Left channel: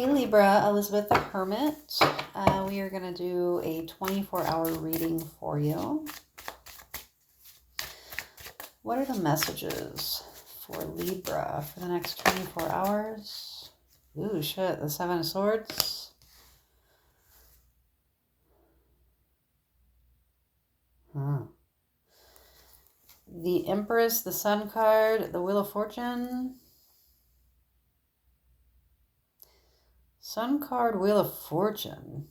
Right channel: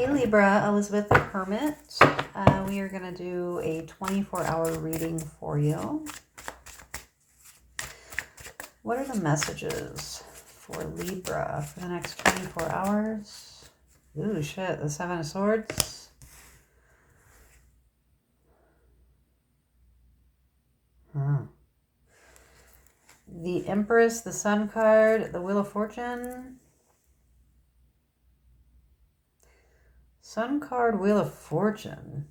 Hey Libra, Elizabeth the Hermit. We are going to do a 24-hour reading for you. What are the messages for Libra for the next 24 hours? Ooh, shit, the Seven of Swords. The Empress, the Sun card, the Wheel of Fortune. Sun card, Wheel of Fortune.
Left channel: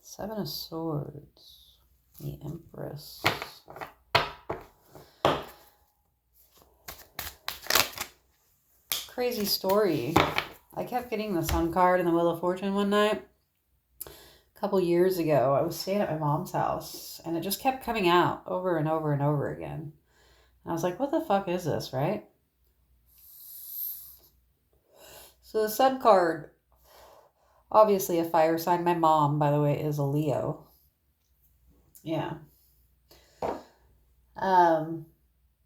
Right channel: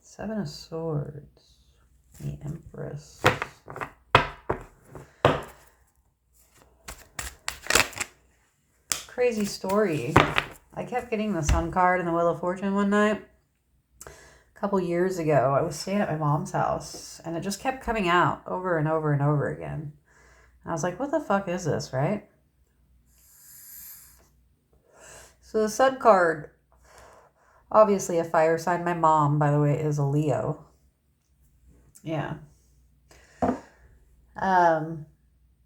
Seven of Swords. The Empress. Crazy story. I kept getting the Sun card and the Wheel of Fortune one night. A couple years ago, I was staying at my mom's house, and it just kept coming out over and over and over again. And I was like, what the fuck is this, right? So the Sun card, obviously a fire sign. My mom, by the way, is a Leo. Yeah.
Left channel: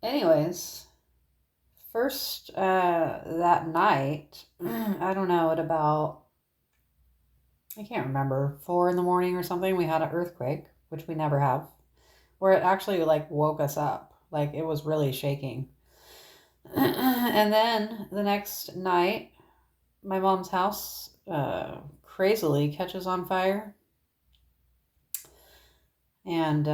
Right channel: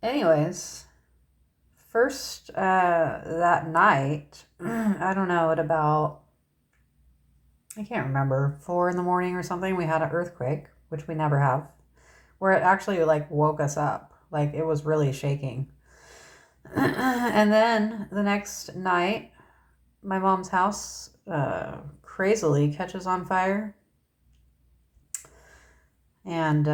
Anyways, first that night, I don't know, at about, I can't remember, 4 in the morning or something, we had an earthquake, which we never have, where it actually like woke us up. Like it was really shaking. And then the next night, my mom's house crazily catches on fire. And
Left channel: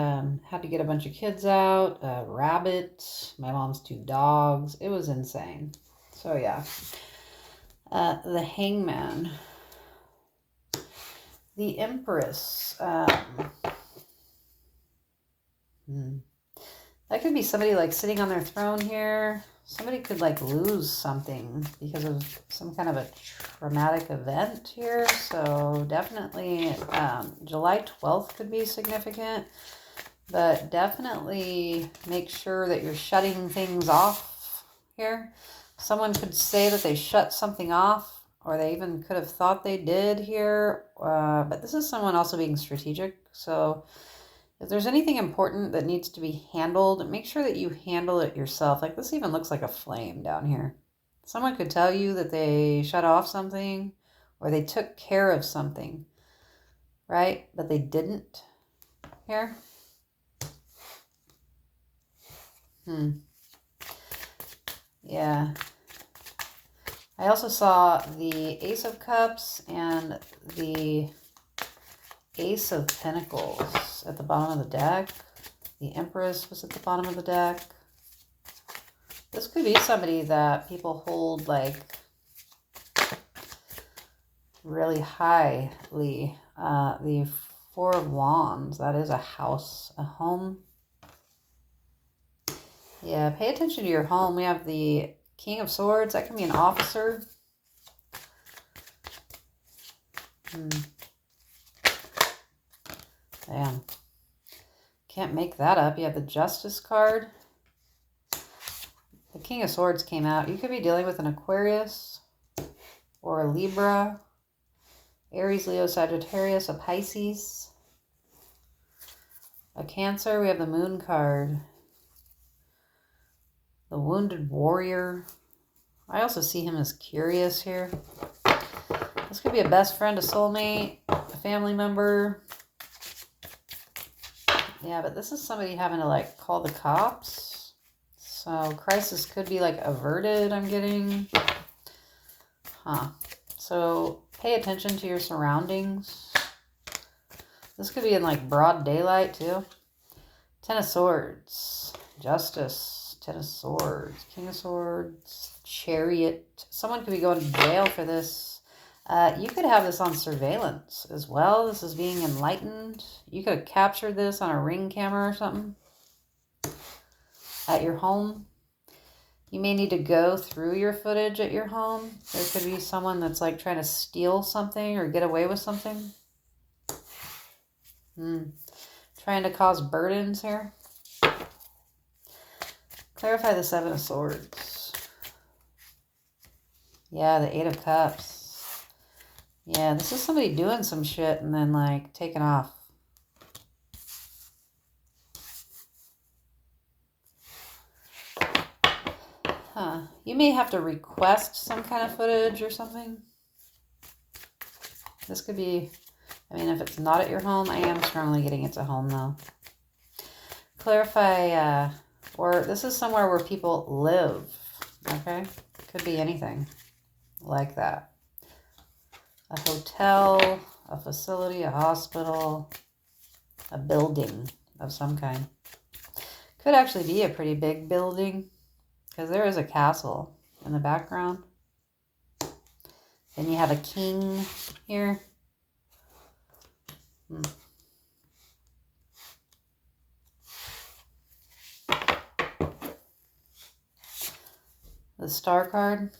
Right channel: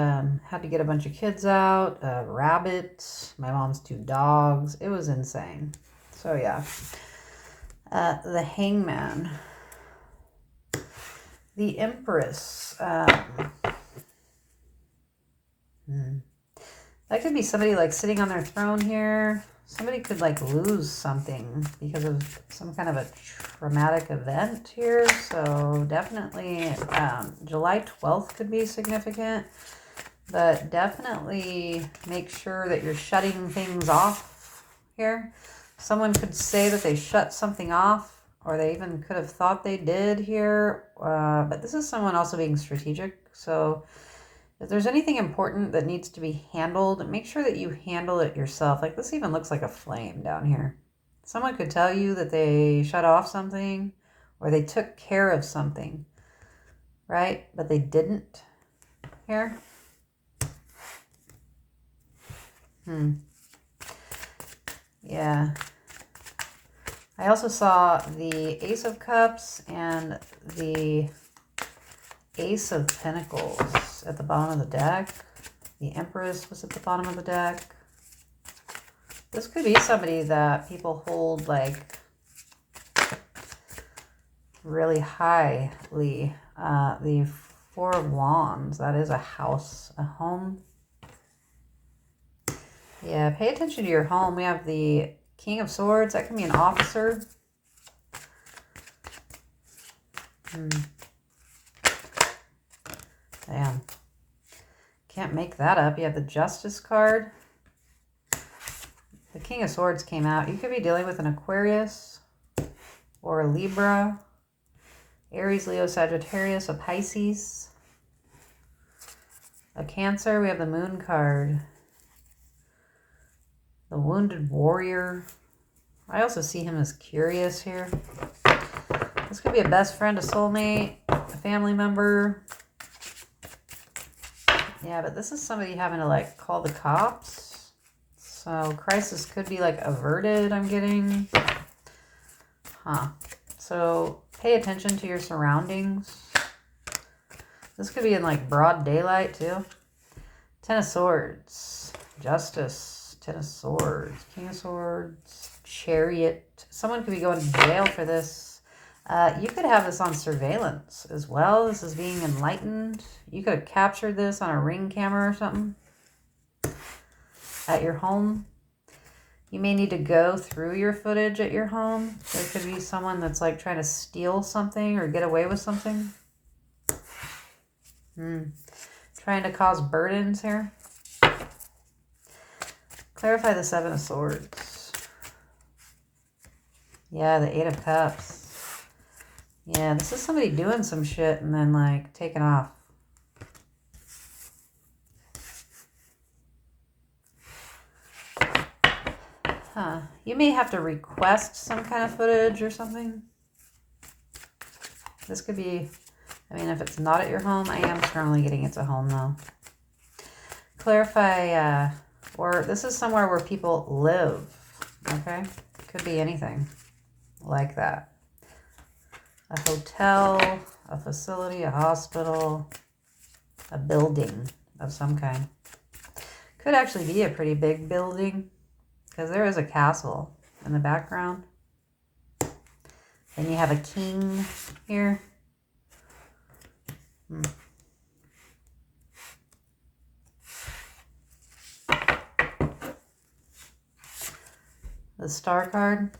had to get a bunch of kids out, a rabbit, my mom's 2 dogs. It was insane. So yeah. The Hangman. The Empress. That could be somebody like sitting on their throne here. Somebody could like lose something because of some kind of a traumatic event here. So definitely July 12th could be significant. But definitely make sure that you're shutting things off here. Someone could say that they shut something off, or they even could have thought they did here. But this is someone also being strategic. So if there's anything important that needs to be handled, make sure that you handle it yourself. Like this even looks like a flame down here. Someone could tell you that they shut off something or they took care of something, right? But they didn't here. Yeah. I also saw the Ace of Cups and the Ace of Pentacles at the bottom of the deck. The Empress was at the bottom of the deck. This could be somebody that people hold like really highly. The Four of Wands, that is a house, a home. Yeah, pay attention to your home. We have the King of Swords. That can be an officer. Damn. Can't make that up. You have the Justice card. The King of Swords came out. You could be dealing with an Aquarius or a Libra, Aries, Leo, Sagittarius, a Pisces, a Cancer. We have the Moon card. The Wounded Warrior. I also see him as curious here. This could be a best friend, a soulmate, a family member. Yeah, but this is somebody having to like call the cops. So crisis could be like averted, I'm getting. So pay attention to your surroundings. This could be in like broad daylight too. 10 of Swords. Justice. 10 of Swords, King of Swords, Chariot. Someone could be going to jail for this. You could have this on surveillance as well. This is being enlightened. You could have captured this on a Ring camera or something at your home. You may need to go through your footage at your home. There could be someone that's like trying to steal something or get away with something. Trying to cause burdens here. Clarify the Seven of Swords. Yeah, the Eight of Cups. Yeah, this is somebody doing some shit and then like taking off. You may have to request some kind of footage or something. This could be, I mean, if it's not at your home, I am strongly getting it's a home though. Clarify, or this is somewhere where people live, okay? Could be anything like that. A hotel, a facility, a hospital, a building of some kind. Could actually be a pretty big building because there is a castle in the background. Then you have a king here. The Star card.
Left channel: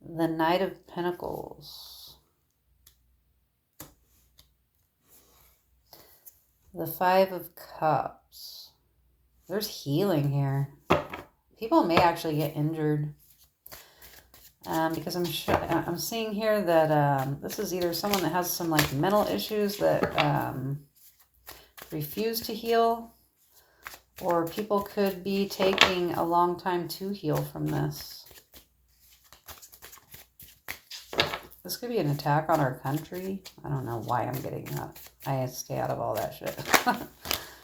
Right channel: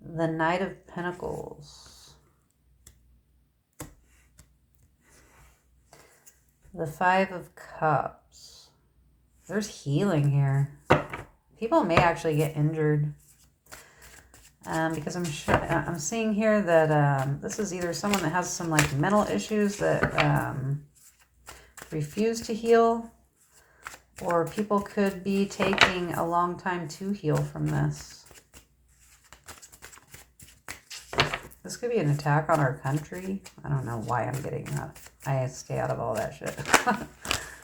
The Knight of Pentacles. The Five of Cups. There's healing here. People may actually get injured. Because I'm seeing here that this is either someone that has some like mental issues that refuse to heal, or people could be taking a long time to heal from this. This could be an attack on our country. I don't know why I'm getting that. I stay out of all that shit.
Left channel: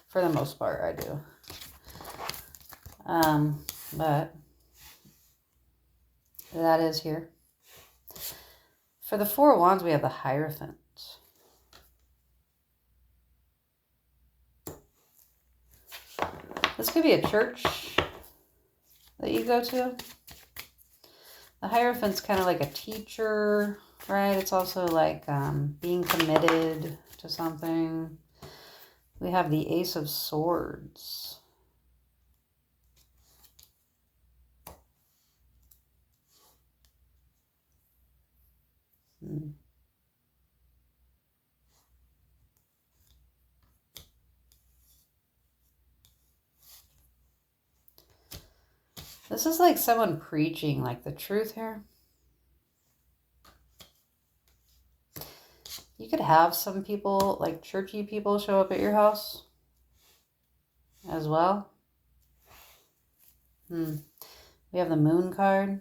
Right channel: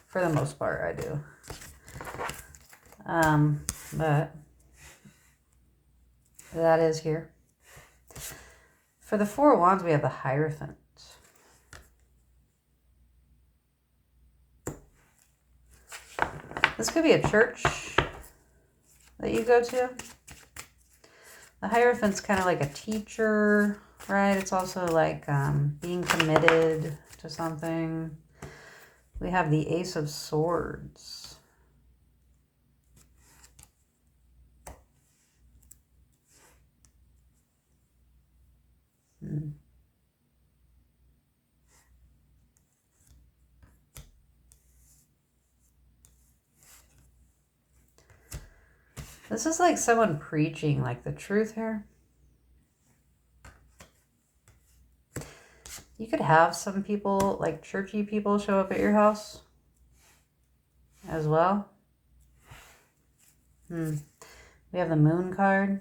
For the most part, I do. But that is here. For the Four of Wands, we have the Hierophant. This could be a church that you go to. The Hierophant's kind of like a teacher, right? It's also like being committed to something. We have the Ace of Swords. This is like someone preaching like the truth here. You could have some people, like churchy people, show up at your house as well. We have the Moon card.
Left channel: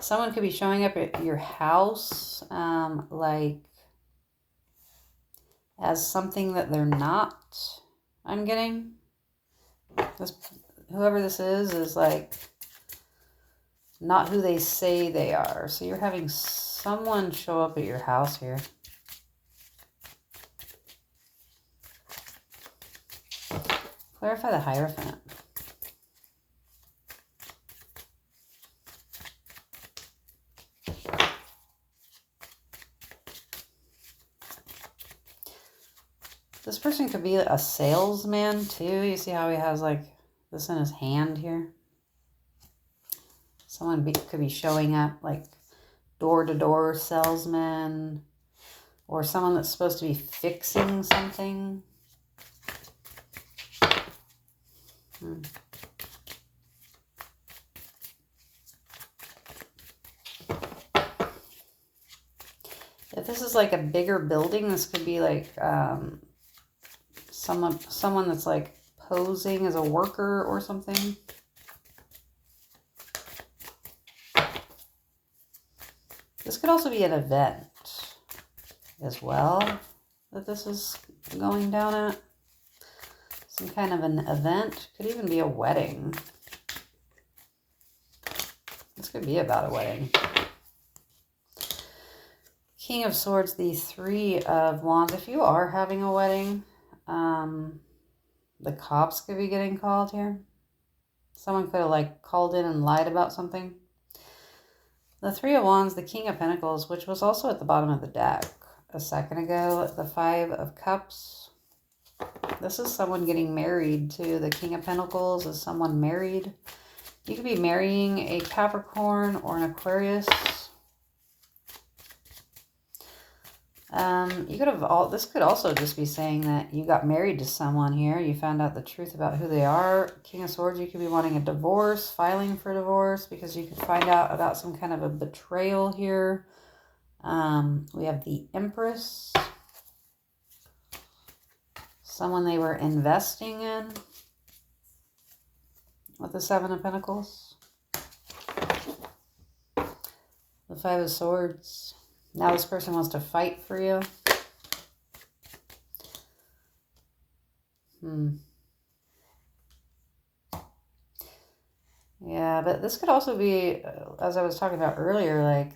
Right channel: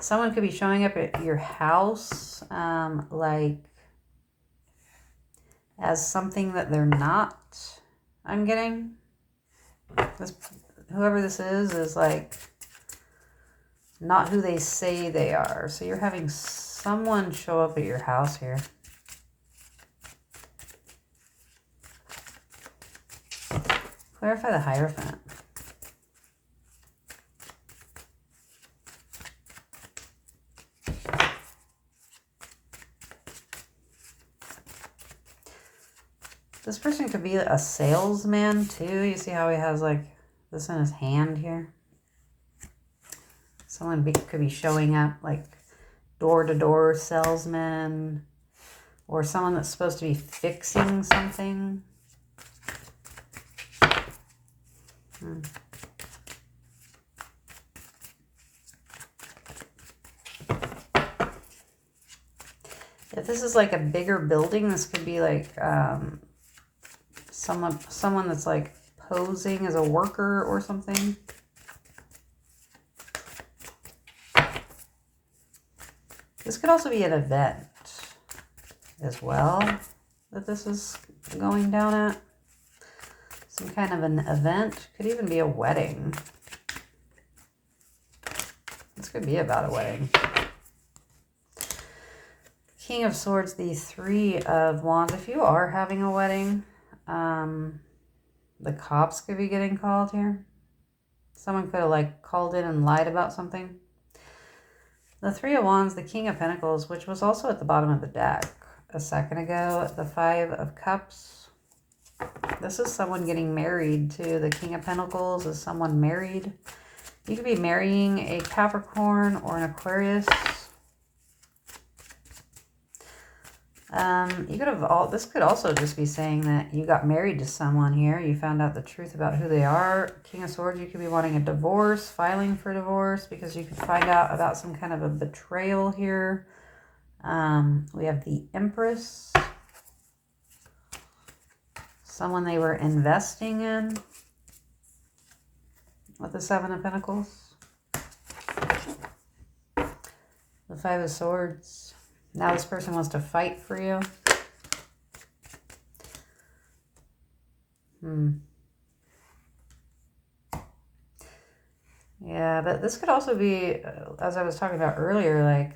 Someone could be showing up at your house like as something that they're not, I'm getting. Whoever this is like not who they say they are. So you're having someone show up at your house here. Clarify the Hierophant. This person could be a salesman too. You see how he has like this in his hand here? Someone could be showing up like door-to-door salesman, or someone that's supposed to be fixing something. If this is like a bigger building, this could be like someone that's like posing as a worker or something. This could also be an event as well that this is going down at. Some kind of an event. Could even be a wedding. This could be about a wedding. King of Swords, the Three of Wands. If you are having a wedding, the cops could be getting called here. Someone could have like called in and lied about something. The Three of Wands, the King of Pentacles, which was also at the bottom of the deck a second ago. The Five of Cups. This is someone getting married too. The King of Pentacles is someone married. You could be marrying a Capricorn or an Aquarius. You could have this could also just be saying that you got married to someone here. You found out the truth about who they are. King of Swords, you could be wanting a divorce, filing for divorce, because you could find out about some kind of a betrayal here. We have the Empress. Someone they were investing in. with the Seven of Pentacles. The Five of Swords. Now this person wants to fight for you. Yeah, but this could also be, as I was talking about earlier, like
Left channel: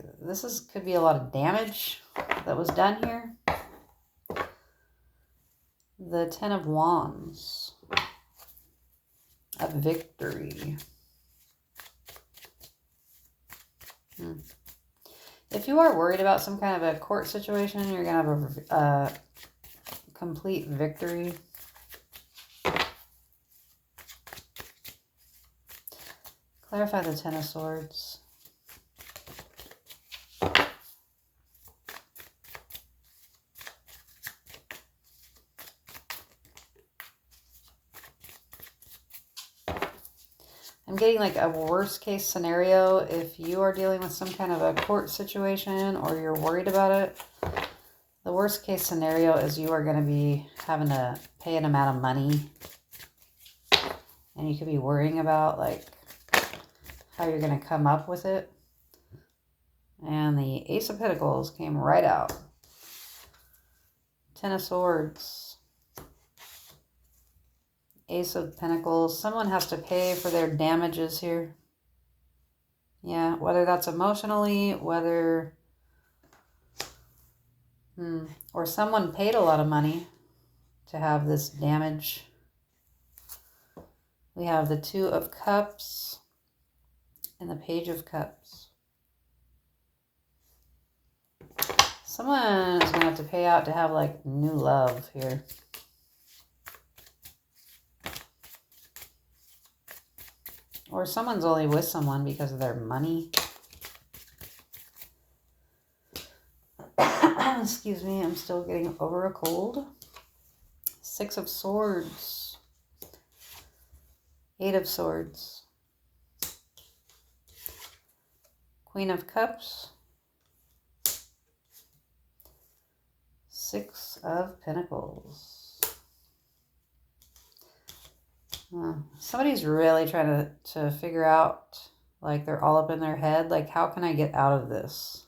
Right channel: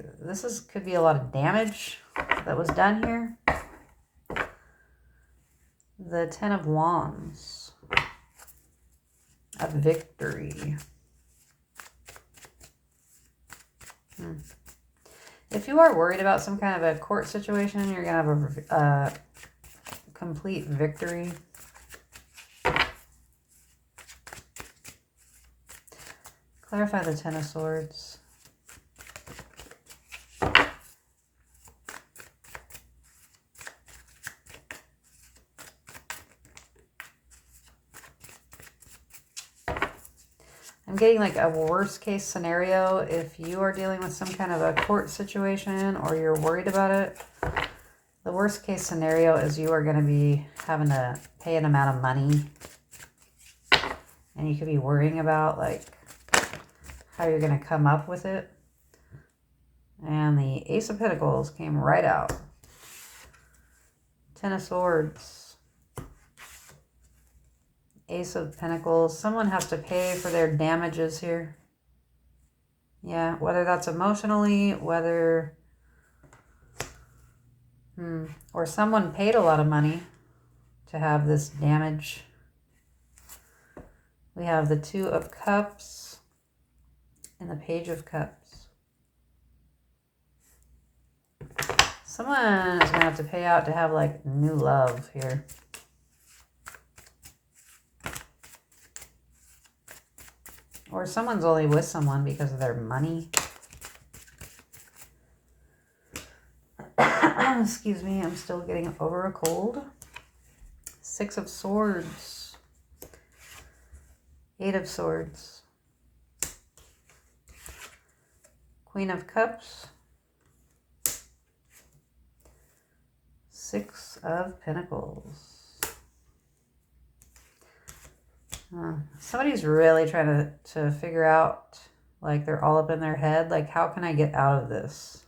could be a lot of damage that was done here. The Ten of Wands. A victory. If you are worried about some kind of a court situation, you're going to have a complete victory. Clarify the Ten of Swords. I'm getting like a worst case scenario if you are dealing with some kind of a court situation or you're worried about it. The worst case scenario is you are going to be having to pay an amount of money. And you could be worrying about like how you're going to come up with it. And the Ace of Pentacles came right out. Ten of Swords. Ace of Pentacles. Someone has to pay for their damages here. Yeah, whether that's emotionally, whether... or someone paid a lot of money to have this damage. We have the Two of Cups and the Page of Cups. Someone is going to have to pay out to have like new love here. Or someone's only with someone because of their money. Excuse me, I'm still getting over a cold. Six of Swords. Eight of Swords. Queen of Cups. Six of Pentacles. Somebody's really trying to figure out, like they're all up in their head, like how can I get out of this?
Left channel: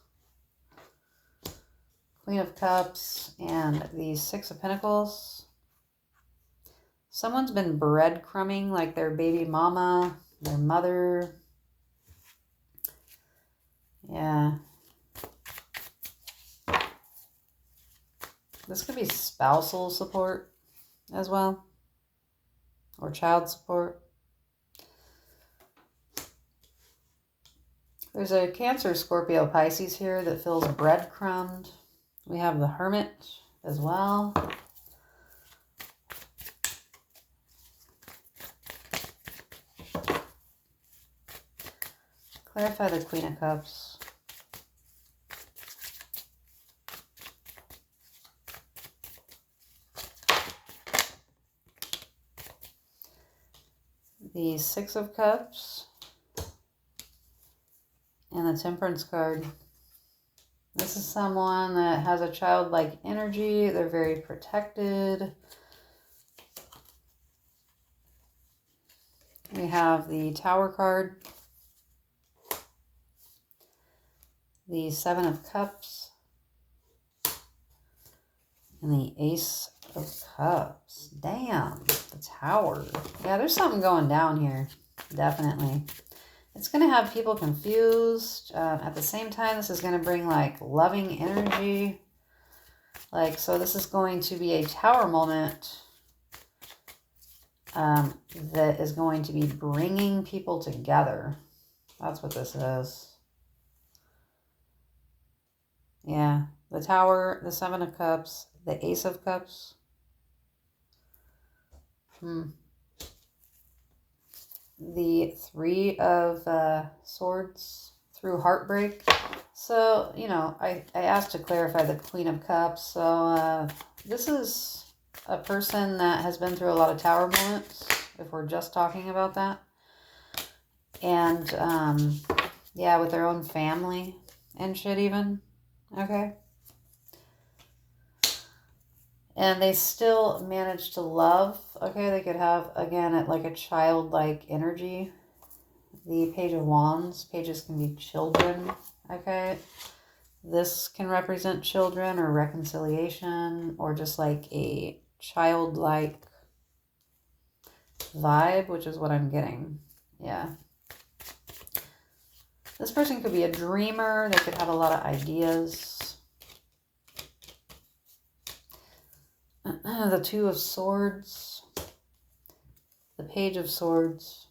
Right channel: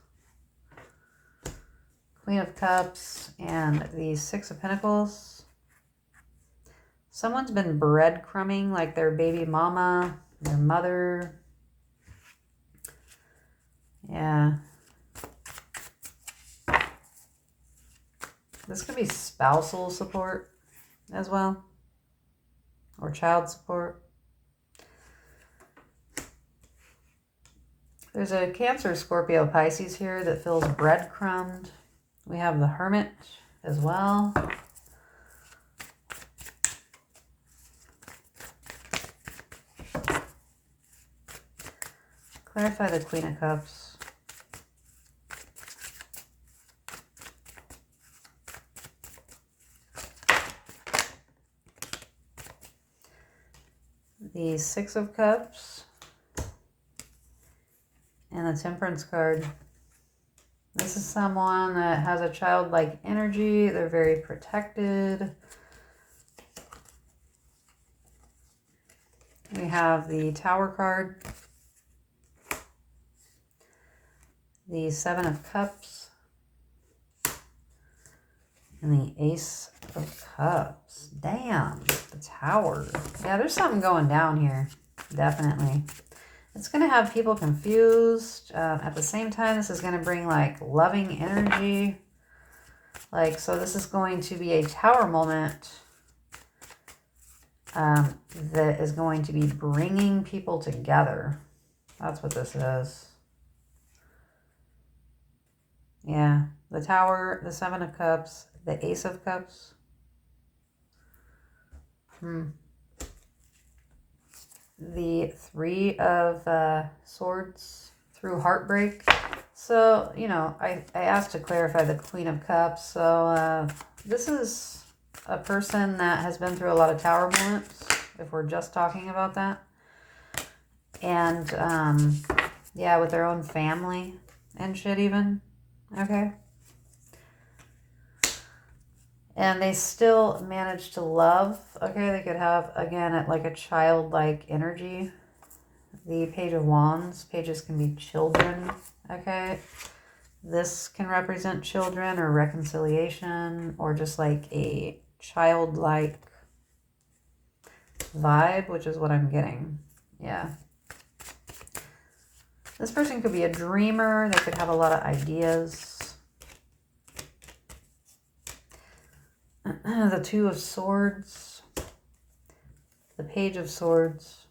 Queen of Cups and the Six of Pentacles. Someone's been breadcrumbing like their baby mama, their mother. Yeah. This could be spousal support as well. Or child support. There's a Cancer, Scorpio, Pisces here that feels breadcrumbed. We have the Hermit as well. Clarify the Queen of Cups. The Six of Cups and the Temperance card. This is someone that has a childlike energy. They're very protected. We have the Tower card, the Seven of Cups, and the Ace of Cups. Damn, the Tower. Yeah, there's something going down here, definitely. It's going to have people confused. At the same time, this is going to bring, like, loving energy. Like, so this is going to be a Tower moment that is going to be bringing people together. That's what this is. Yeah, the Tower, the Seven of Cups, the Ace of Cups. The Three of Swords through heartbreak. So, you know, I asked to clarify the Queen of Cups. So this is a person that has been through a lot of Tower moments, if we're just talking about that. And, yeah, with their own family and shit even. Okay. And they still manage to love. Okay, they could have, again, like a childlike energy. The Page of Wands. Pages can be children. Okay. This can represent children or reconciliation or just like a childlike vibe, which is what I'm getting. Yeah. This person could be a dreamer. They could have a lot of ideas. The Two of Swords. The Page of Swords.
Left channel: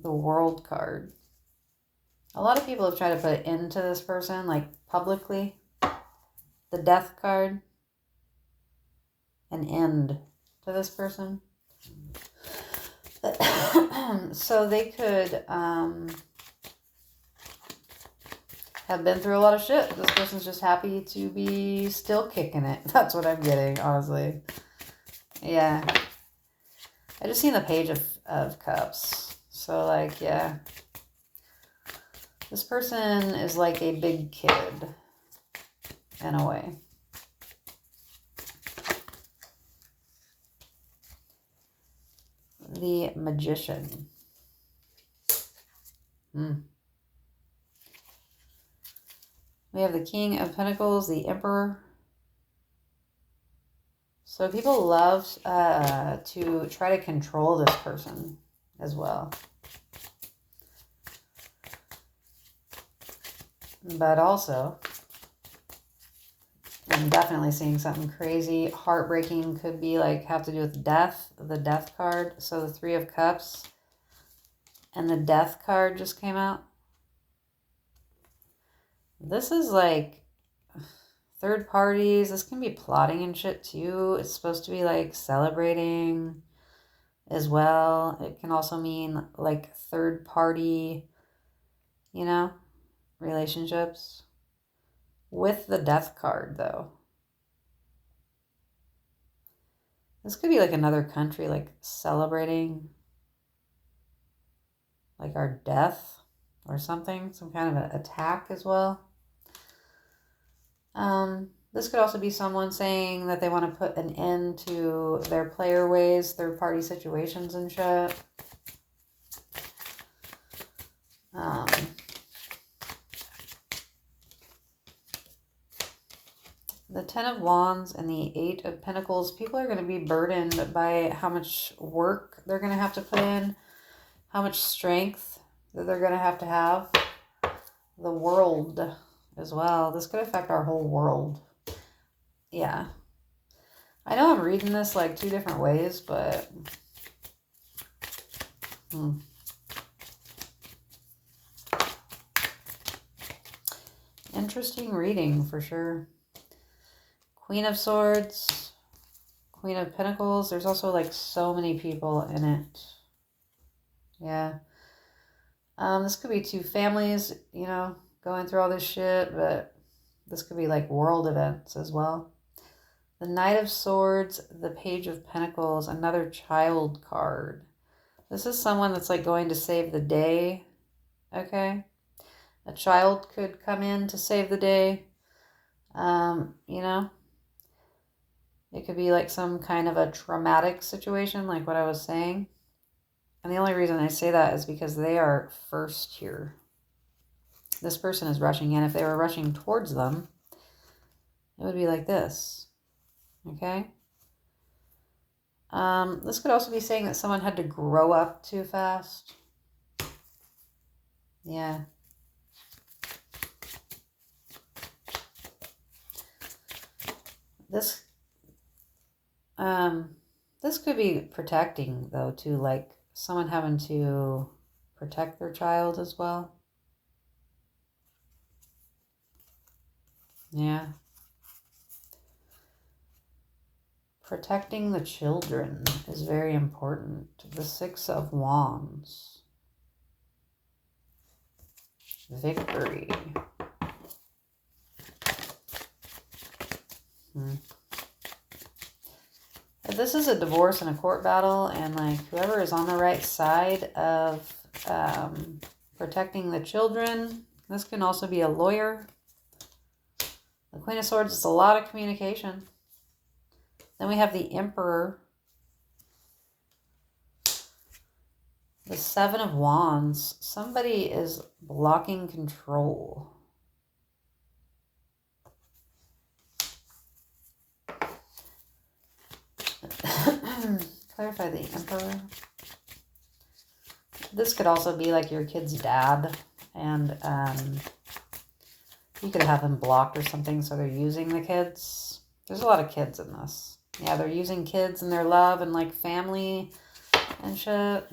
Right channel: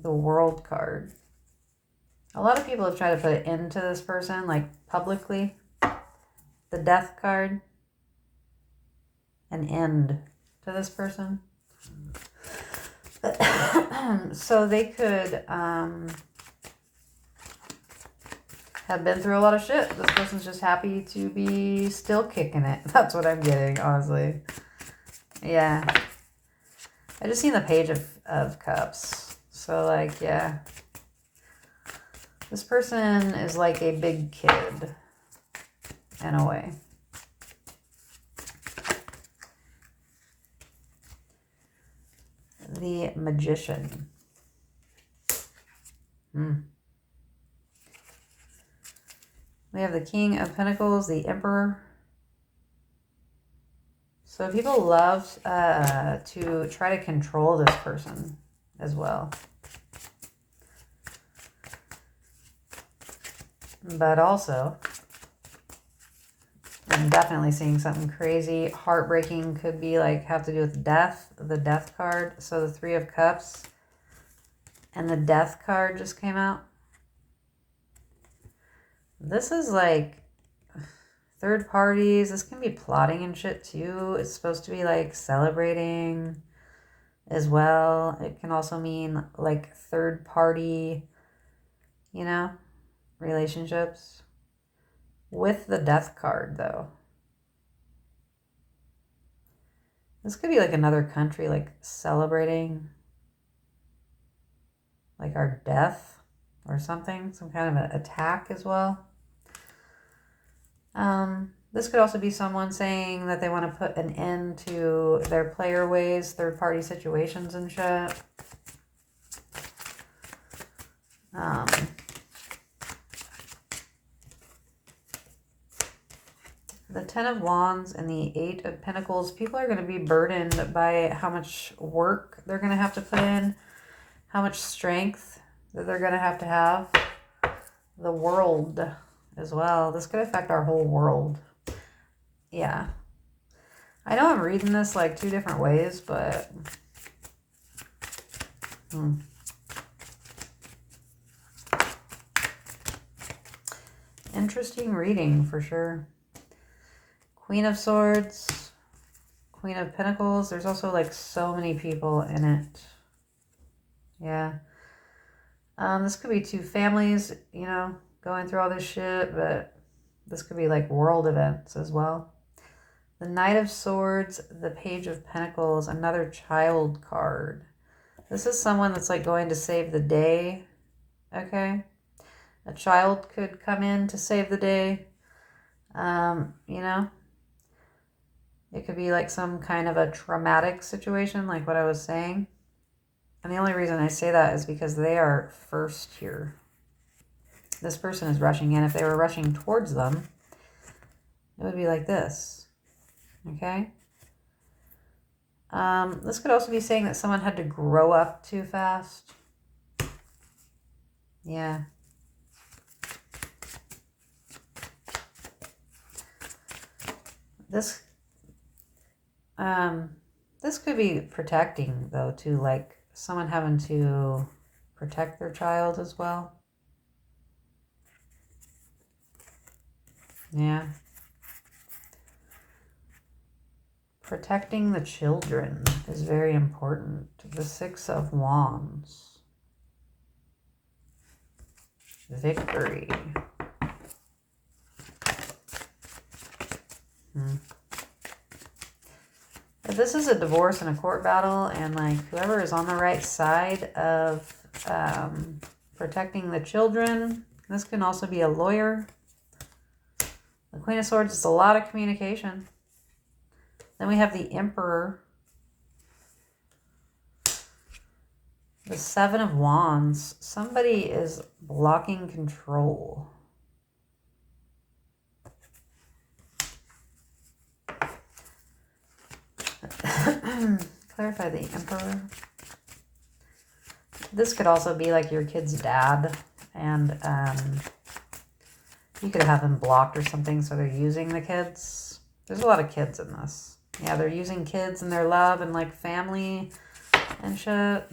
The World card. A lot of people have tried to put an end to this person, like publicly. The Death card. An end to this person. So they could have been through a lot of shit. This person's just happy to be still kicking it. That's what I'm getting, honestly. Yeah. I just seen the Page of Cups. So, like, yeah. This person is like a big kid, in a way. The Magician. We have the King of Pentacles, the Emperor. So people love to try to control this person as well. But also, I'm definitely seeing something crazy. Heartbreaking could be like have to do with death, the Death card. So the Three of Cups and the Death card just came out. This is like third parties. This can be plotting and shit too. It's supposed to be like celebrating as well. It can also mean like third party, you know, relationships. With the Death card though. This could be like another country like celebrating like our death or something. Some kind of an attack as well. This could also be someone saying that they want to put an end to their player ways, third-party situations and shit. The Ten of Wands and the Eight of Pentacles. People are going to be burdened by how much work they're going to have to put in, how much strength that they're going to have. The World as well. This could affect our whole world. Yeah. I know I'm reading this like two different ways, but... Interesting reading for sure. Queen of Swords, Queen of Pentacles. There's also like so many people in it. Yeah. This could be two families, you know, going through all this shit, but this could be like world events as well. The Knight of Swords, the Page of Pentacles, another child card. This is someone that's like going to save the day, okay? A child could come in to save the day, you know? It could be like some kind of a traumatic situation, like what I was saying. And the only reason I say that is because they are first here. This person is rushing in. If they were rushing towards them, it would be like this. Okay? This could also be saying that someone had to grow up too fast. Yeah. This could be protecting, though, too. Like, someone having to protect their child as well. Yeah. Protecting the children is very important. The Six of Wands. Victory. If this is a divorce and a court battle, and like whoever is on the right side of protecting the children, this can also be a lawyer. The Queen of Swords is a lot of communication. Then we have the Emperor. The Seven of Wands. Somebody is blocking control. Clarify the Emperor. This could also be like your kid's dad, and you could have them blocked or something, so they're using the kids. There's a lot of kids in this. Yeah, they're using kids and their love and like family and shit.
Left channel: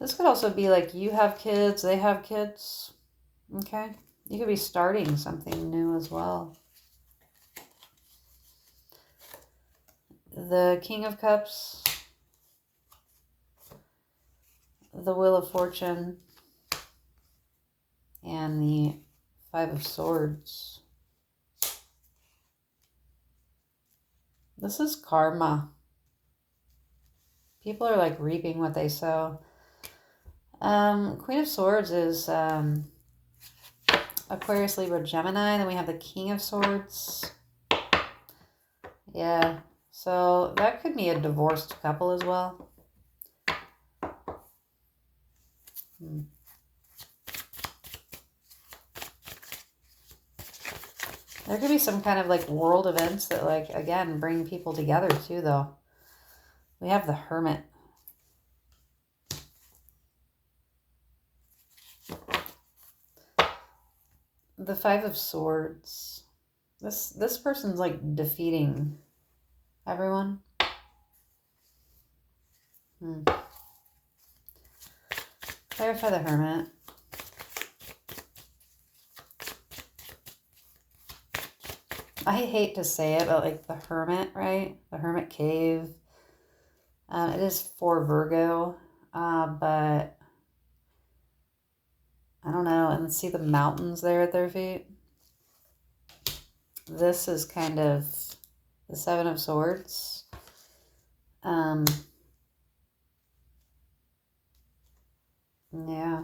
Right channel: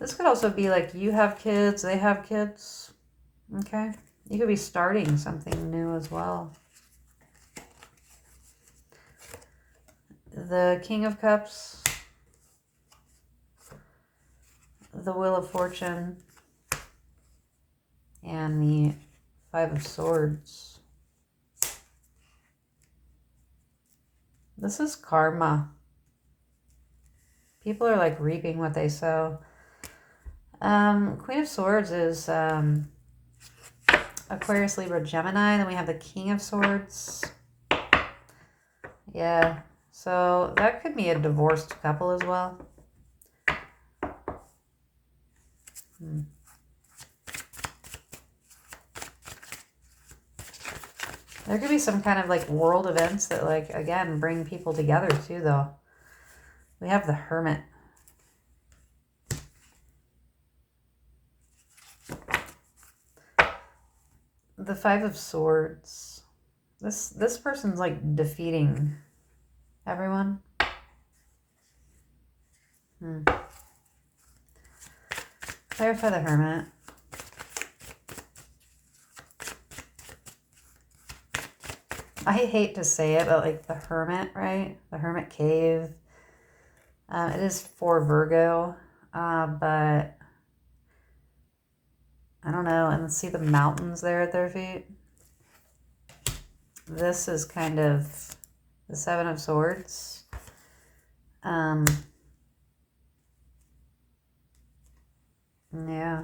This could also be like you have kids, they have kids. Okay? You could be starting something new as well. The King of Cups. The Wheel of Fortune. And the Five of Swords. This is karma. People are like reaping what they sow. Queen of Swords is Aquarius, Libra, Gemini. Then we have the King of Swords. Yeah. So that could be a divorced couple as well. There could be some kind of like world events that like, again, bring people together too, though. We have the Hermit. The Five of Swords. This person's like defeating everyone. Clarify the Hermit. I hate to say it, but like the Hermit, right? The Hermit Cave. It is for Virgo, but I don't know. And see the mountains there at their feet? This is kind of the Seven of Swords. Yeah.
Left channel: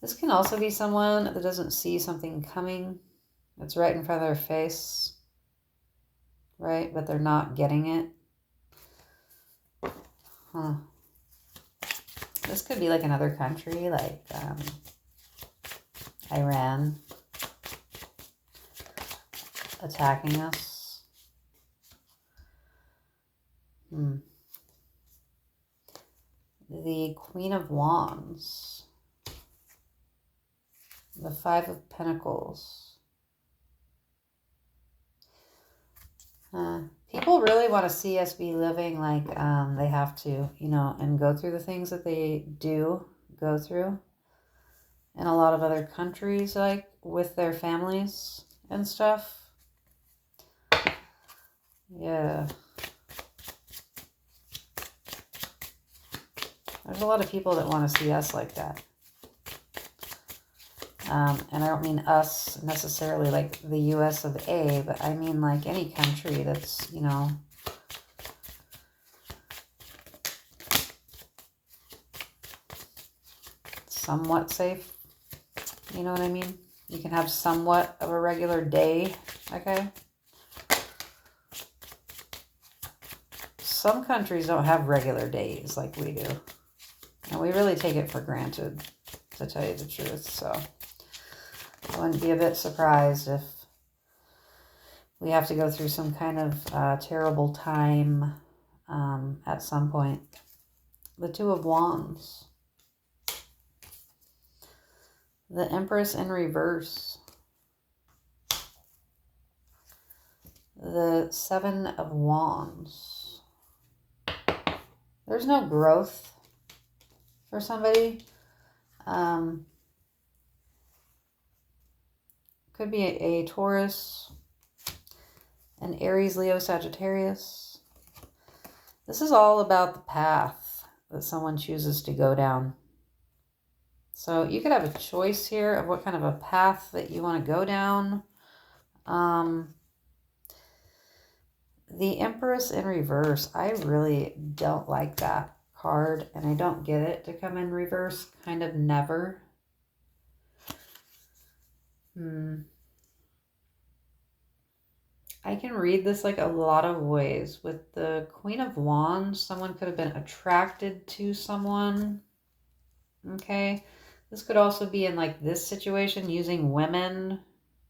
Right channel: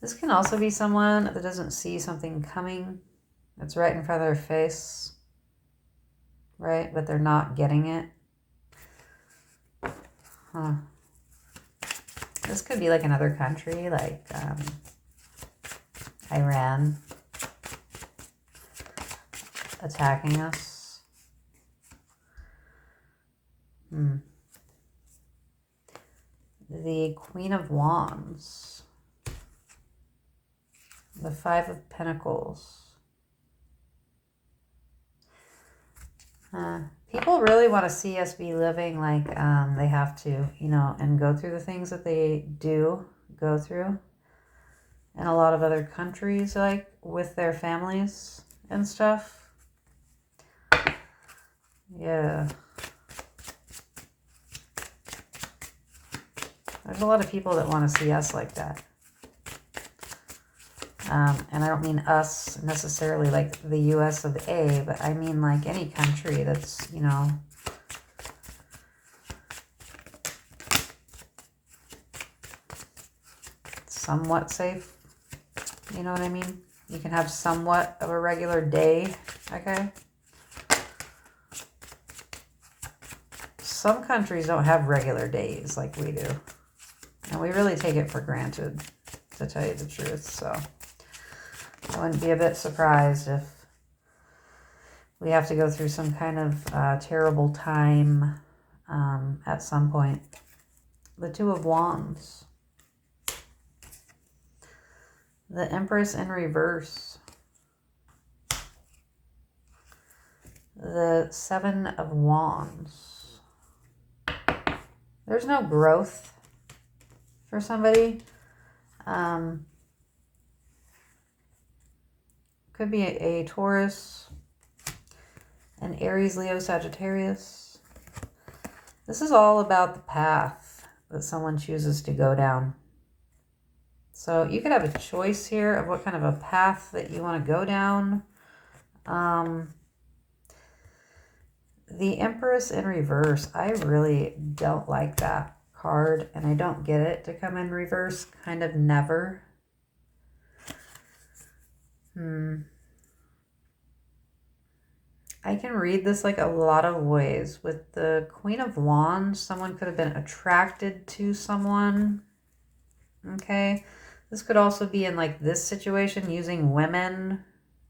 This can also be someone that doesn't see something coming. It's right in front of their face. Right? But they're not getting it. Huh. This could be like another country, like Iran attacking us. The Queen of Wands. The Five of Pentacles. People really want to see us be living like they have to, you know, and go through the things that they do go through in a lot of other countries, like with their families and stuff. Yeah. There's a lot of people that want to see us like that. And I don't mean us necessarily like the US of A, but I mean like any country that's, you know, somewhat safe. You know what I mean? You can have somewhat of a regular day, okay? Some countries don't have regular days like we do. And we really take it for granted, to tell you the truth, so I wouldn't be a bit surprised if we have to go through some kind of terrible time at some point. The Two of Wands. The Empress in reverse. The Seven of Wands. There's no growth for somebody. Could be a Taurus, an Aries, Leo, Sagittarius. This is all about the path that someone chooses to go down. So you could have a choice here of what kind of a path that you want to go down. The Empress in reverse. I really don't like that card, and I don't get it to come in reverse, kind of never. I can read this like a lot of ways. With the Queen of Wands, someone could have been attracted to someone. Okay. This could also be in like this situation, using women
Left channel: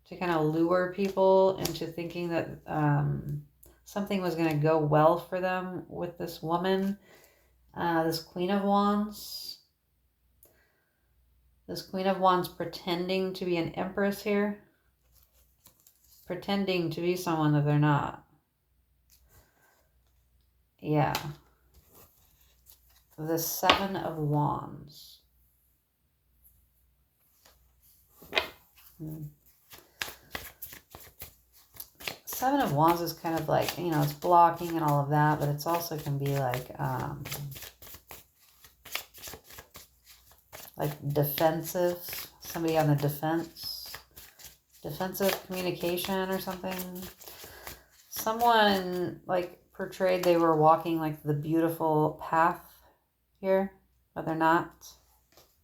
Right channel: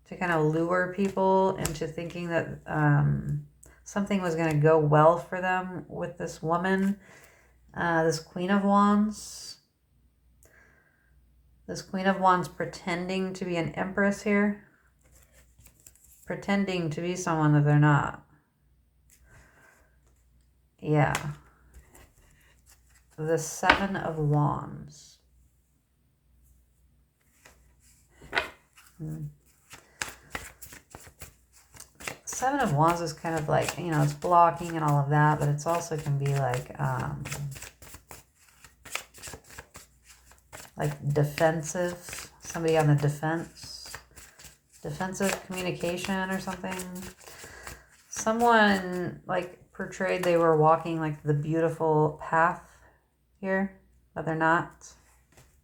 to kind of lure people into thinking that something was going to go well for them with this woman. This Queen of Wands. This Queen of Wands pretending to be an Empress here. Pretending to be someone that they're not. Yeah. The Seven of Wands. Seven of Wands is kind of like, you know, it's blocking and all of that, but it's also can be like defensive. Somebody on the defense. Defensive communication or something. Someone like portrayed they were walking like the beautiful path here, but they're not,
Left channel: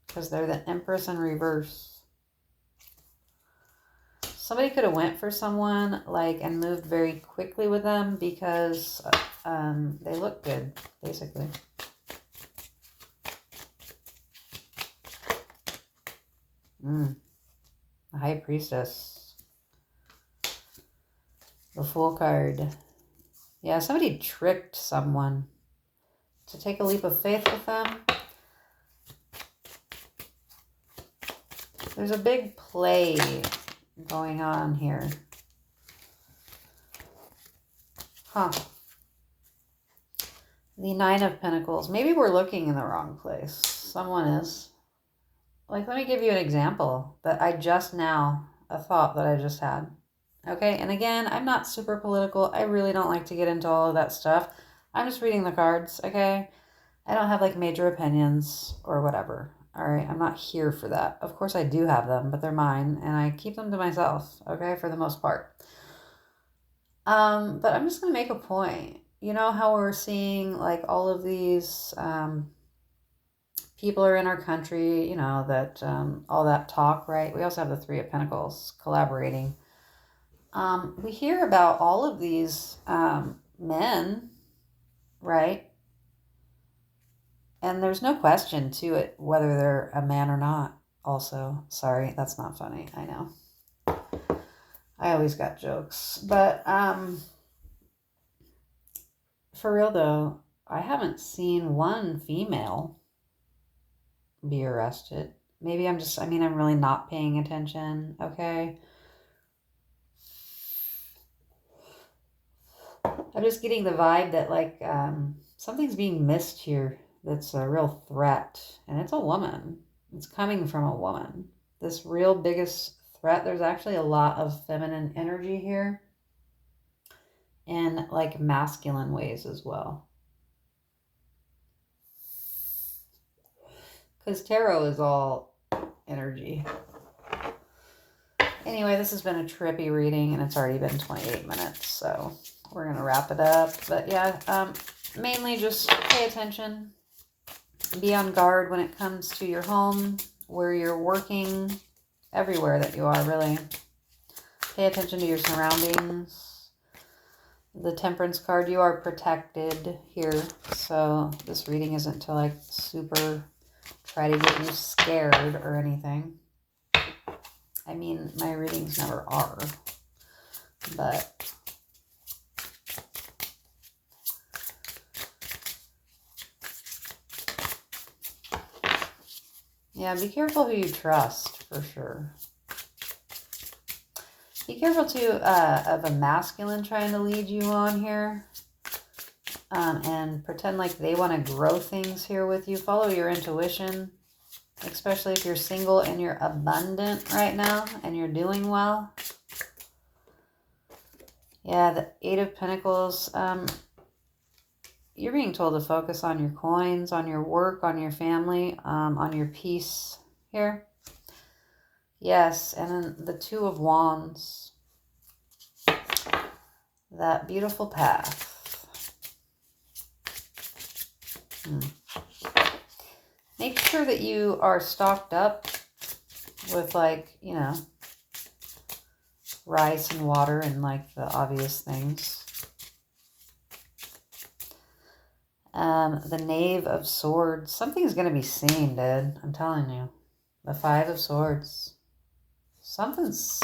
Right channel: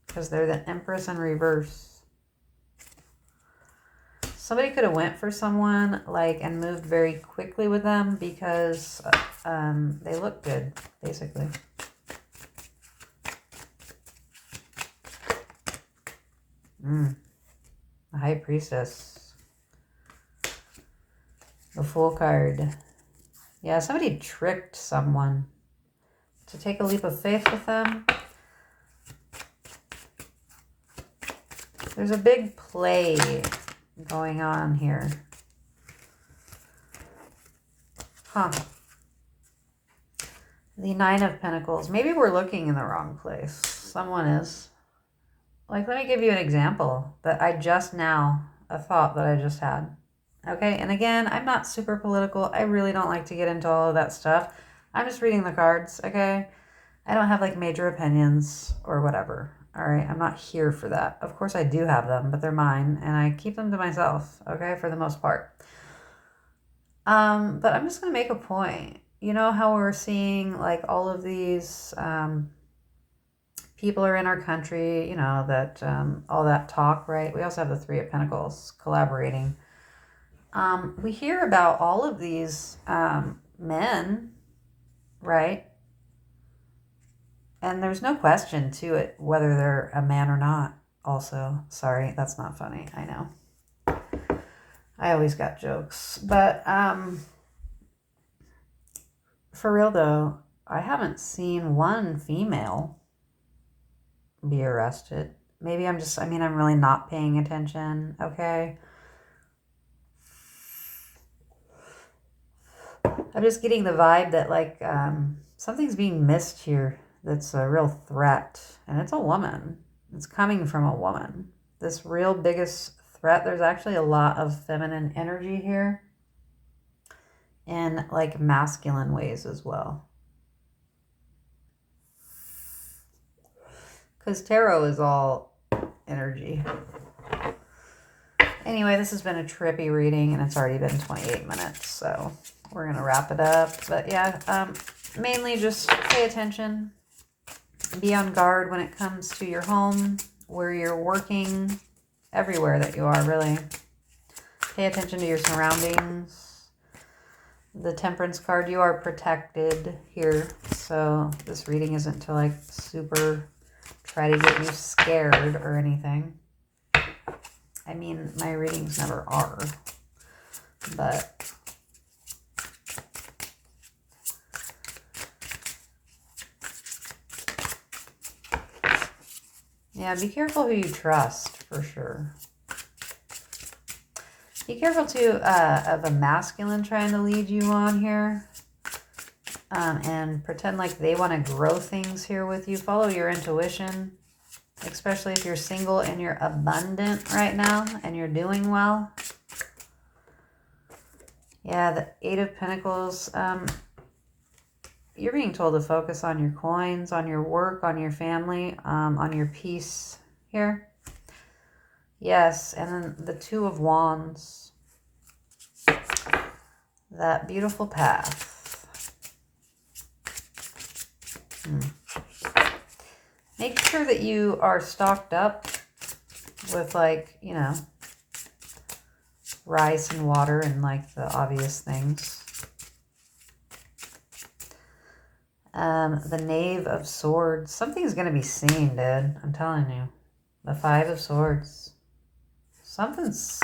because they're the Empress in reverse. Somebody could have went for someone like and moved very quickly with them because they look good, basically. The High Priestess. The Fool card. Yeah, somebody tricked someone to take a leap of faith with them. There's a big play going on here. Huh. The Nine of Pentacles. Maybe we're looking in the wrong place. Someone is. Like, let me give you an example that I just now, a thought that I just had. Okay, and again, I'm not super political. I really don't like to get into all of that stuff. I'm just reading the cards, okay? I don't have like major opinions or whatever. All right, I'm not here for that. Of course I do have them, but they're mine and I keep them to myself, okay, for the most part. But I'm just going to make a point. You know how we're seeing like all of these people are in our country, you know, that all that talk, right? We also have the Three of Pentacles collaborating. We hear about all of these men, right? And there's no question to it whether they're a man or not. Also, sorry, that's not funny. I know. I always got jokes. But for real though, I haven't seen one female be arrested. Maybe I'm really not paying attention, okay? I'm just getting the vibe that like something's being missed here that's a real threat. And it's a woman. It's coming from a woman. This real biggest threat. There's actually a lot of feminine energy here. In like masculine ways as well. Because tarot is all energy. Anyway, this has been a trippy reading and it's already been 28 minutes. So we're going to wrap it up. But yeah, mainly just pay attention. Be on guard when it comes to your home, where you're working, everywhere that you are, really. Pay attention to your surroundings. The Temperance card, you are protected here. So this reading isn't to like super try to get you scared or anything. I mean, my readings never are. But yeah, be careful who you trust, for sure. Be careful, too, of a masculine trying to lead you on here. And pretend like they want to grow things here with you. Follow your intuition, especially if you're single and you're abundant right now and you're doing well. Yeah, the Eight of Pentacles. You're being told to focus on your coins, on your work, on your family, on your peace here. Yes, and then the Two of Wands. That beautiful path. sure that you are stocked up with, like, you know, rice and water and, like, the obvious things. The Knave of Swords. Something's going to be seen, dude. I'm telling you. The Five of Swords. Something's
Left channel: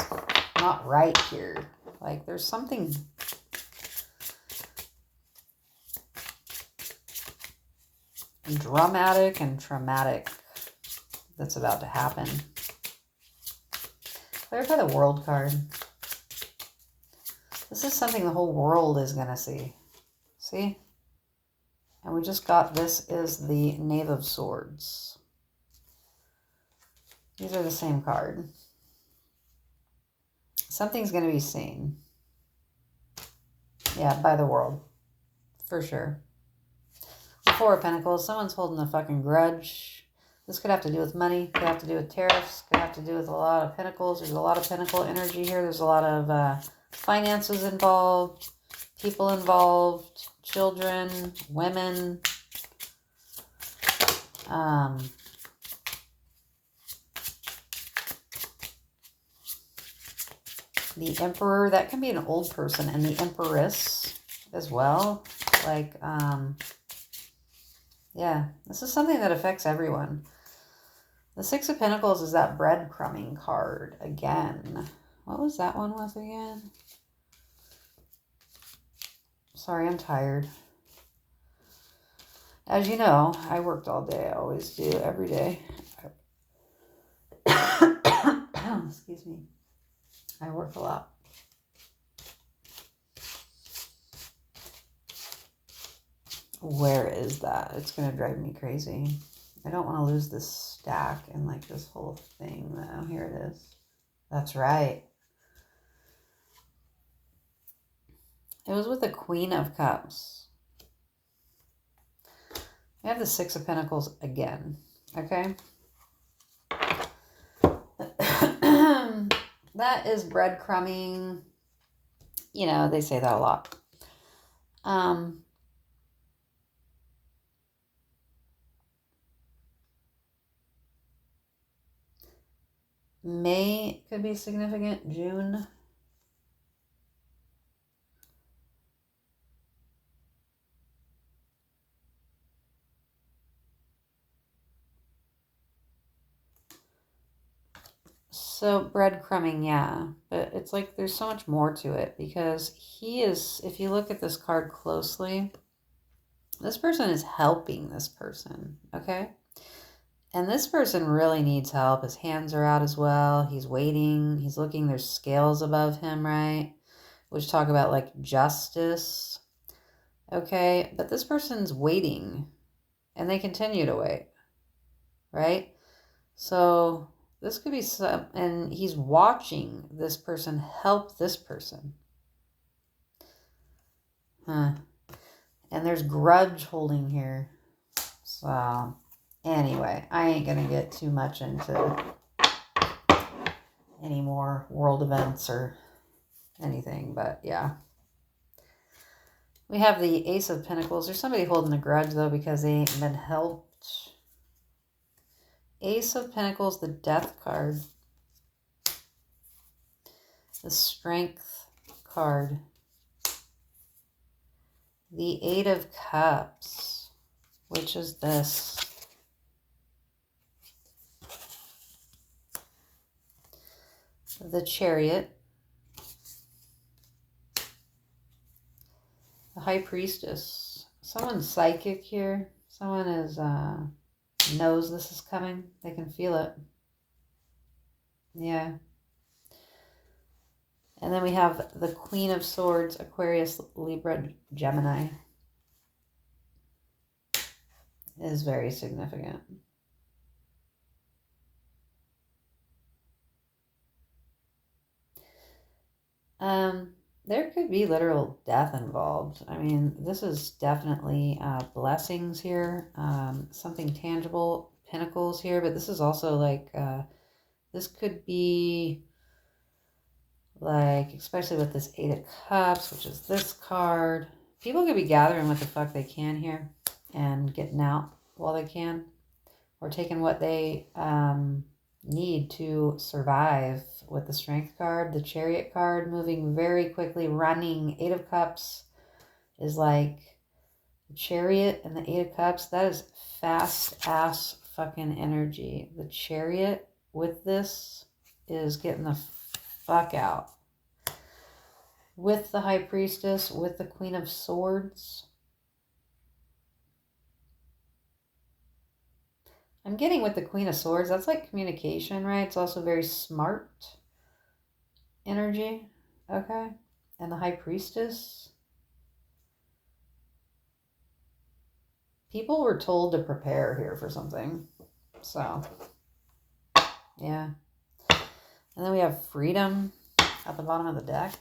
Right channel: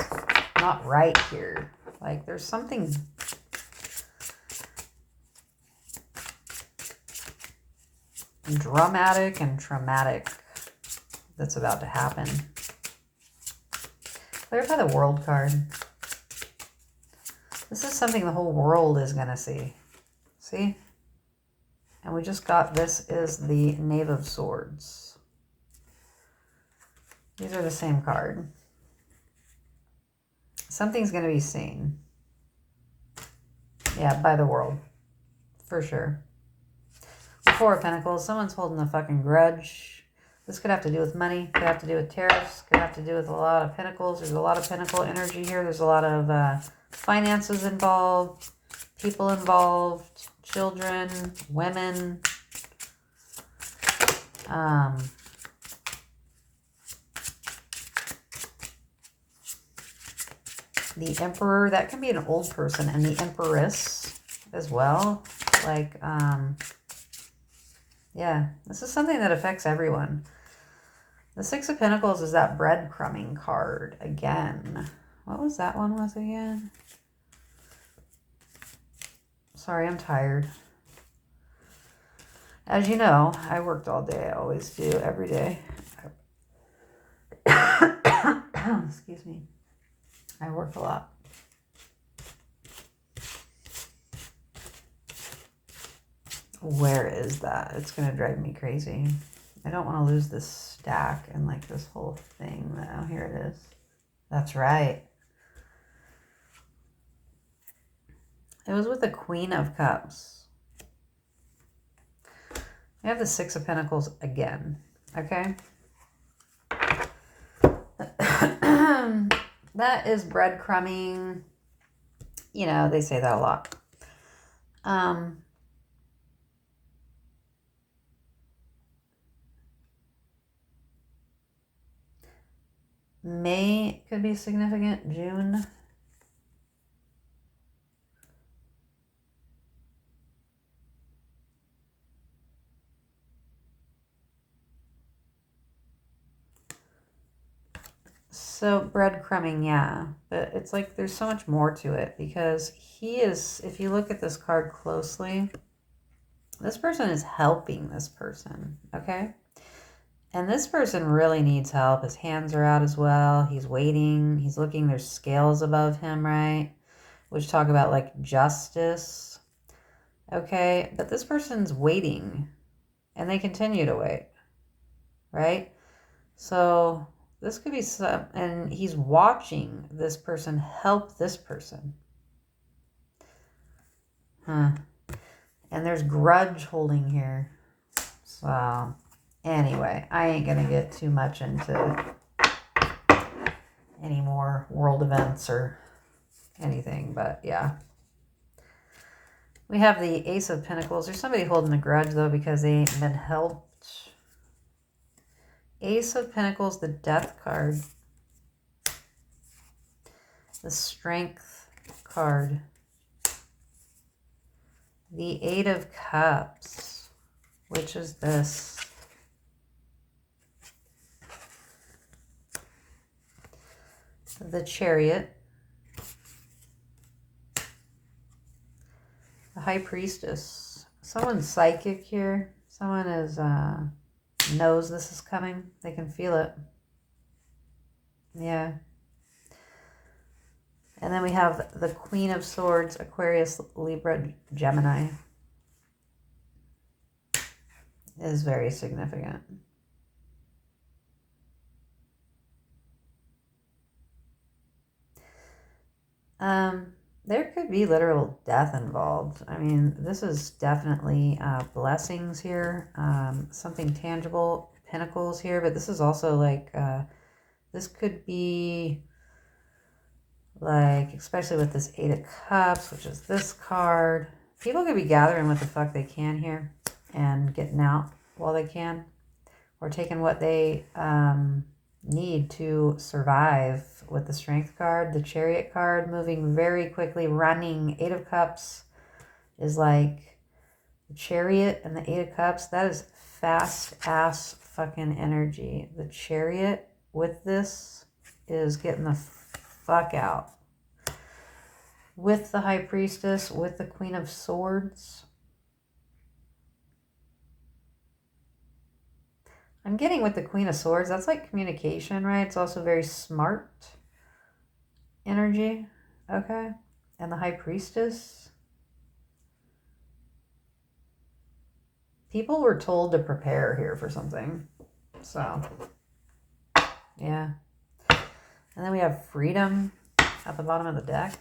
not right here. Like, there's something... dramatic and traumatic that's about to happen. Clarify the World card. This is something the whole world is going to see. See? And we just got, this is the Knave of Swords. These are the same card. Something's going to be seen. Yeah, by the world. For sure. The Four of Pentacles. Someone's holding a fucking grudge. This could have to do with money. Could have to do with tariffs. Could have to do with a lot of pentacles. There's a lot of pentacle energy here. There's a lot of finances involved. People involved. Children. Women. The Emperor. That can be an old person. And the Empress as well. Like, yeah, this is something that affects everyone. The Six of Pentacles is that breadcrumbing card again. What was that one with again? Sorry, I'm tired. As you know, I worked all day. I always do, every day. Excuse me. I work a lot. Where is that? It's going to drive me crazy. I don't want to lose this stack and like this whole thing. Oh, here it is. That's right. It was with the Queen of Cups. We have the Six of Pentacles again. Okay. That is breadcrumbing. You know, they say that a lot. May could be significant. June. So breadcrumbing, yeah. But it's like there's so much more to it because he is, if you look at this card closely, this person is helping this person, okay? And this person really needs help. His hands are out as well. He's waiting. He's looking. There's scales above him, right? Which talk about like justice. Okay. But this person's waiting. And they continue to wait. Right? So this could be some... And he's watching this person help this person. Huh. And there's grudge holding here. So... Anyway, I ain't going to get too much into any more world events or anything, but yeah. We have the Ace of Pentacles. There's somebody holding a grudge, though, because they ain't been helped. Ace of Pentacles, the Death card. The Strength card. The Eight of Cups, which is this. The Chariot, the High Priestess. Someone's psychic here. Someone is knows this is coming. They can feel it. Yeah. And then we have the Queen of Swords, Aquarius, Libra, Gemini. It is very significant. There could be literal death involved. I mean, this is definitely blessings here. Something tangible, pentacles here, but this is also like, this could be like, especially with this Eight of Cups, which is this card. People could be gathering what the fuck they can here and getting out while they can. or taking what they need to survive with the Strength card. The Chariot card, moving very quickly, running. Eight of Cups is like the Chariot and the Eight of Cups. That is fast ass fucking energy. The Chariot with this is getting the fuck out. With the High Priestess, with the Queen of Swords. I'm getting with the Queen of Swords, that's like communication, right? It's also very smart energy. Okay. And the High Priestess. People were told to prepare here for something. So, yeah. And then we have Freedom at the bottom of the deck.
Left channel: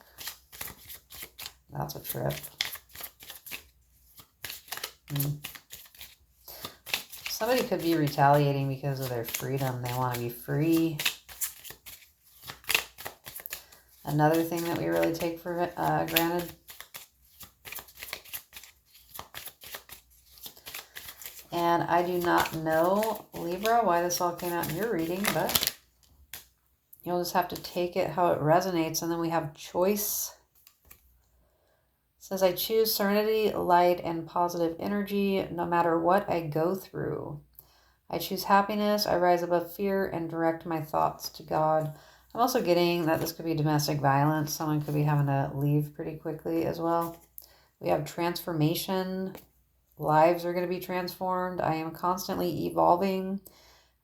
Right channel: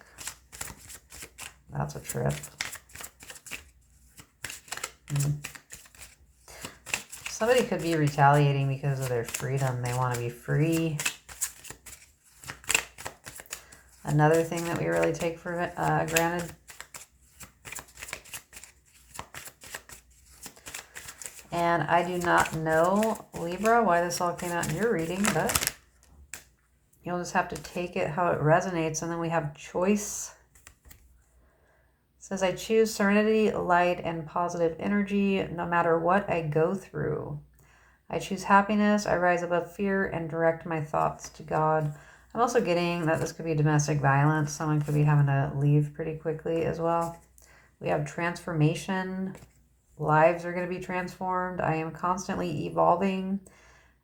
That's a trip. Somebody could be retaliating because of their freedom. They want to be free. Another thing that we really take for granted. And I do not know, Libra, why this all came out in your reading, but you'll just have to take it how it resonates. And then we have Choice. It says, I choose serenity, light, and positive energy no matter what I go through. I choose happiness. I rise above fear and direct my thoughts to God. I'm also getting that this could be domestic violence. Someone could be having to leave pretty quickly as well. We have transformation. Lives are going to be transformed. I am constantly evolving.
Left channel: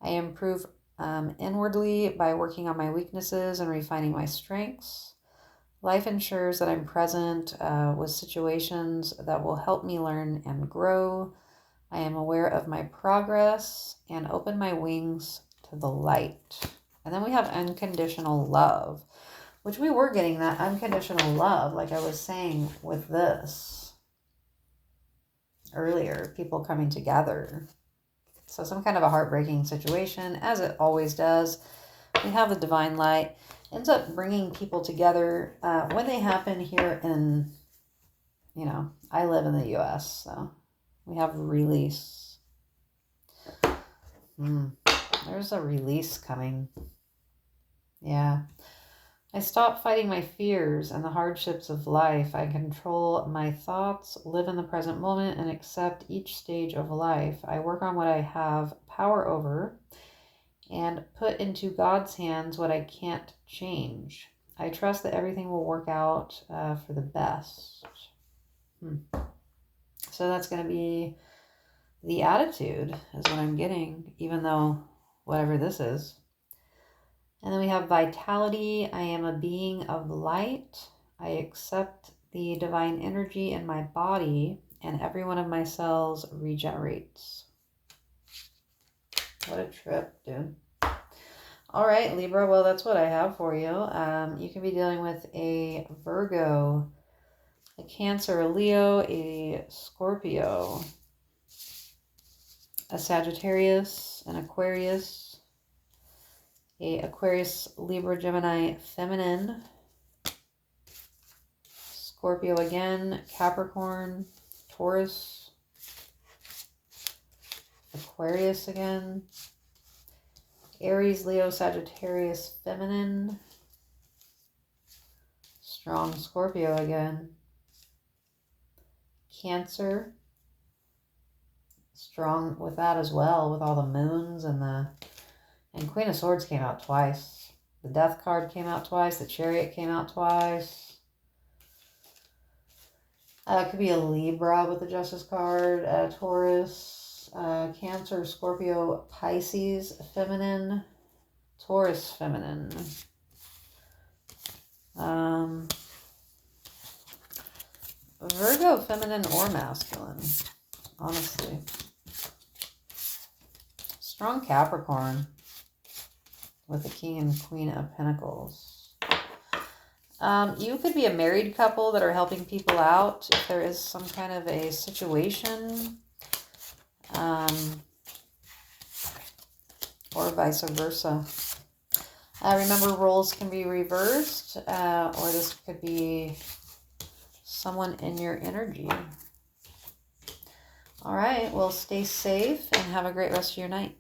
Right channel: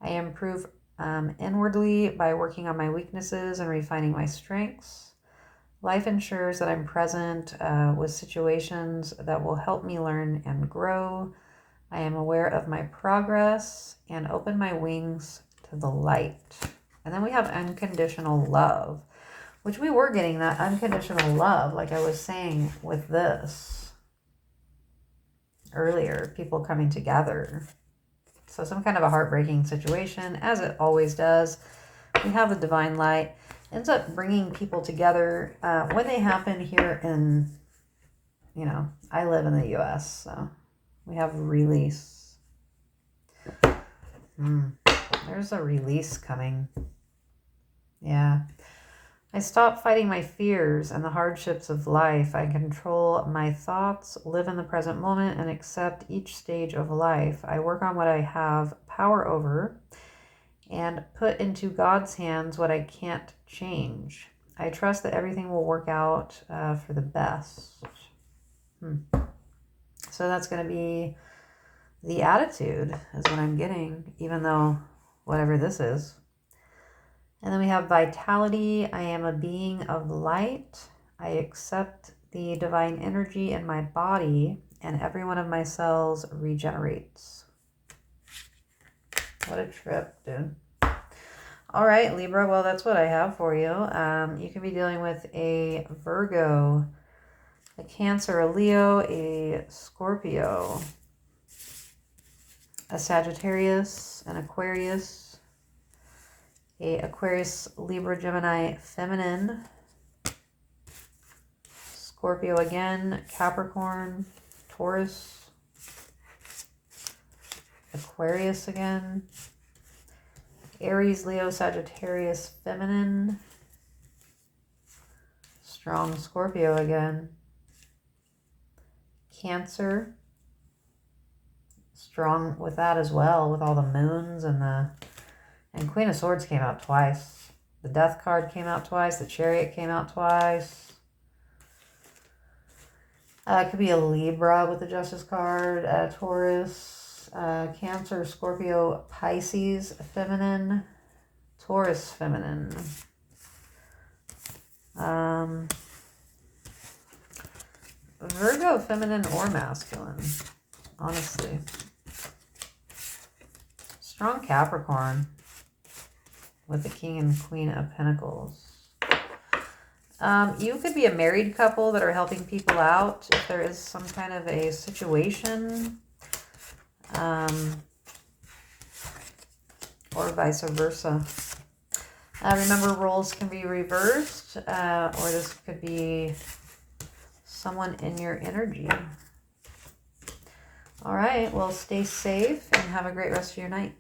I improve inwardly by working on my weaknesses and refining my strengths. Life ensures that I'm present with situations that will help me learn and grow. I am aware of my progress and open my wings to the light. And then we have unconditional love, which we were getting that unconditional love, like I was saying with this earlier, people coming together. So some kind of a heartbreaking situation, as it always does. We have the divine light. Ends up bringing people together when they happen here in, I live in the U.S., so we have release. There's a release coming. Yeah. I stop fighting my fears and the hardships of life. I control my thoughts, live in the present moment, and accept each stage of life. I work on what I have power over and put into God's hands what I can't change. I trust that everything will work out for the best. So that's going to be the attitude is what I'm getting, even though whatever this is. And then we have vitality. I am a being of light. I accept the divine energy in my body, and every one of my cells regenerates. What a trip, dude. All right, Libra. Well, that's what I have for you. You can be dealing with a Virgo, a Cancer, a Leo, a Scorpio, a Sagittarius, an Aquarius, a Aquarius, Libra, Gemini, Feminine, Scorpio again, Capricorn, Taurus, Aquarius again, Aries, Leo, Sagittarius, Feminine, strong Scorpio again, Cancer, strong with that as well, with all the moons and Queen of Swords came out twice. The Death card came out twice. The Chariot came out twice. It could be a Libra with the Justice card, Taurus, Cancer, Scorpio, Pisces, Feminine, Taurus, Feminine. Virgo, Feminine or Masculine, honestly. Strong Capricorn with the King and Queen of Pentacles. You could be a married couple that are helping people out if there is some kind of a situation. Or vice versa. Remember, roles can be reversed, or this could be someone in your energy. All right, well, stay safe and have a great rest of your night.